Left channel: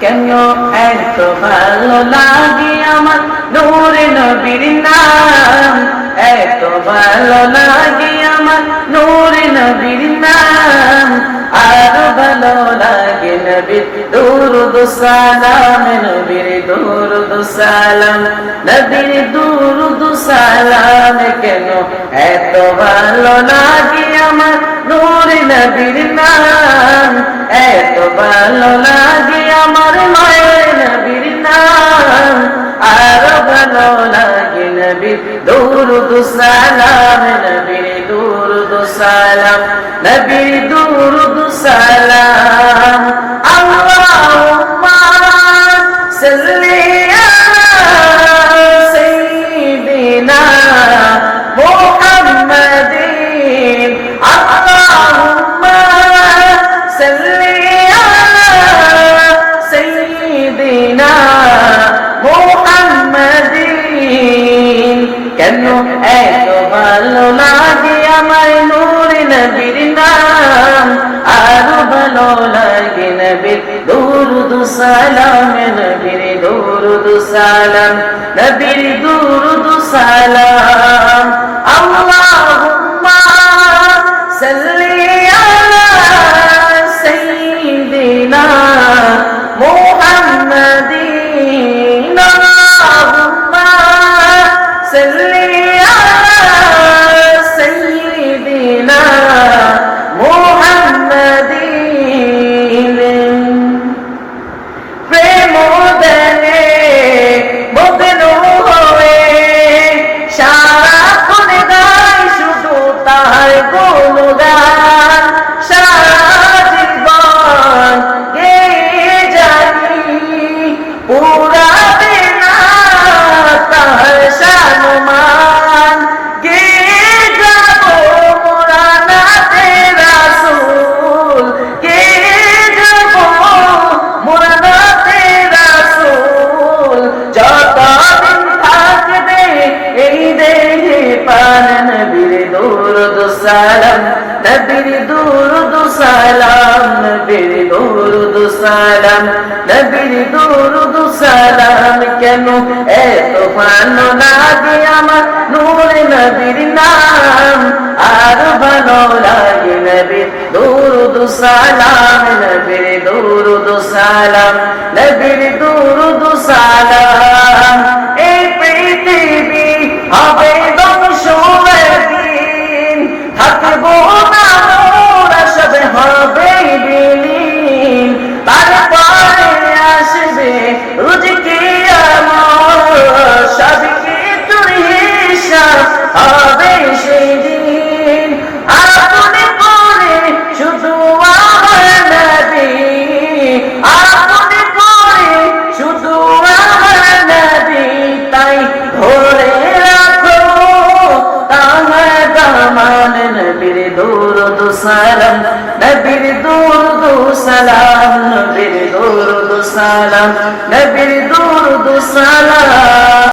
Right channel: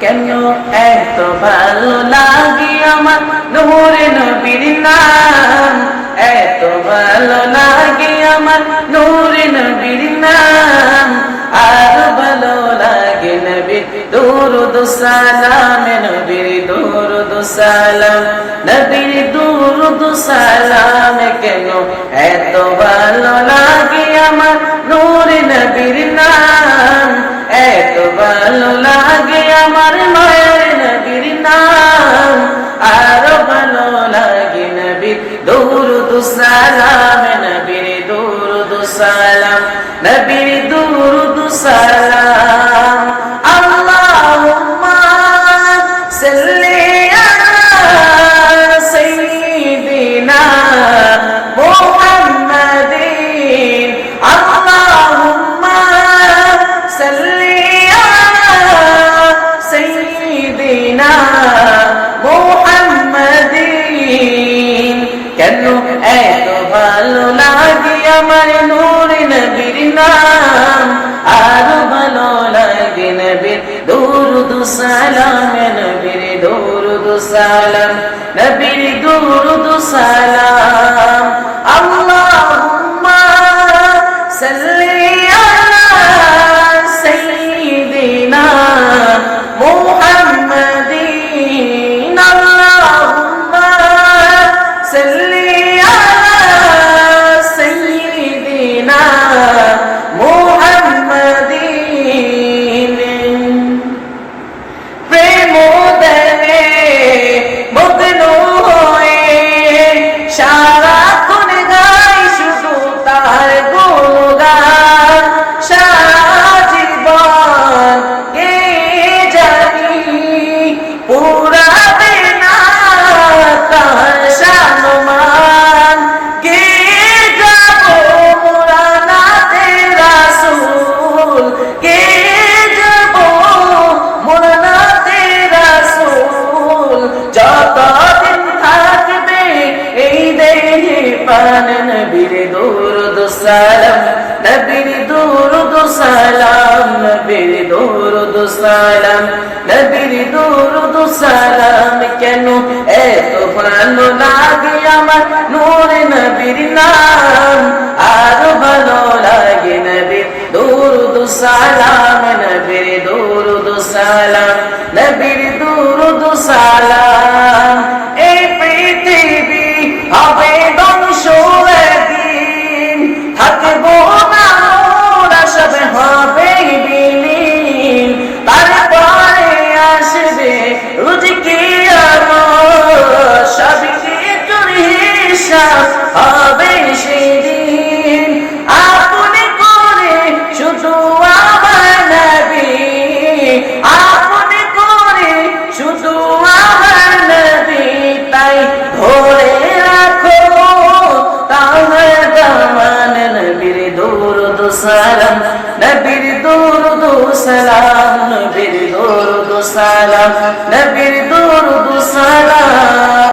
কেন এত ভালো লাগে আমার নূরে নবীর নাম, এত ভালো লাগে আমার নূরে নবীর নাম। আর ভালো লাগে নবীর দুরূদ সালাম, নবীর দুরূদ সালাম, নবীর দুরূদ সালাম। কেন এত ভালো লাগে আমার নূরে নবীর নাম, এত ভালো লাগে আমার নূরে নবীর নাম। আর ভালো লাগে নবীর দুরূদ সালাম, নবীর দুরূদ সালাম, নবীর দুরূদ সালাম। আল্লাহুম্মা সাল্লি আলা সাইয়্যিদিনা মুহাম্মাদিন। আল্লাহুম্মা সাল্লি আলা সাইয়্যিদিনা মুহাম্মাদিন। কেন এত ভালো লাগে আমার নূরে নবীর নাম, আর ভালো লাগে নবীর দুরূদ সালাম, নবীর দুরূদ সালাম, নবীর দুরূদ সালাম। আল্লাহুম্মা সাল্লি আলা সাইয়্যিদিনা মুহাম্মাদিন। আল্লাহুম্মা সাল্লি আলা সাইয়্যিদিনা মুহাম্মাদিন। প্রেম দেনে মগ্ন হয়ে সারাক্ষণ গাই শুধু তার গুণগান, সারা জীবন গেয়ে জানি পুরাবে না তার শানমান। গেয়ে যাব মোরা নাতে রাসূল, গেয়ে যাব মোরা নাতে রাসূল। যতদিন থাকবে এই দেহে প্রাণ, নবীর দুরূদ সালাম, নবীর দুরূদ সালাম, নবীর দুরূদ সালাম, নবীর দুরূদ সালাম। কেন এত ভালো লাগে আমার নূরে নবীর নাম, আর ভালো লাগে নবীর দুরূদ সালাম, নবীর দুরূদ সালাম, নবীর দুরূদ সালাম। এই পৃথিবী হবে ধ্বংস একদিন, থাকবো না মোরা সব হবে বিলীন। তারপরে আসবে রোজ কিয়ামত, সব কিছুর হিসাব হবে সেদিন। আপনি করে শুধু আমার নবী, আপনি করে শুধু আমার নবী। তাই ধরে রাখো তাহার দামান, নবীর দুরূদ সালাম, নবীর দুরূদ সালাম, নবীর দুরূদ সালাম, নবীর দুরূদ সালাম।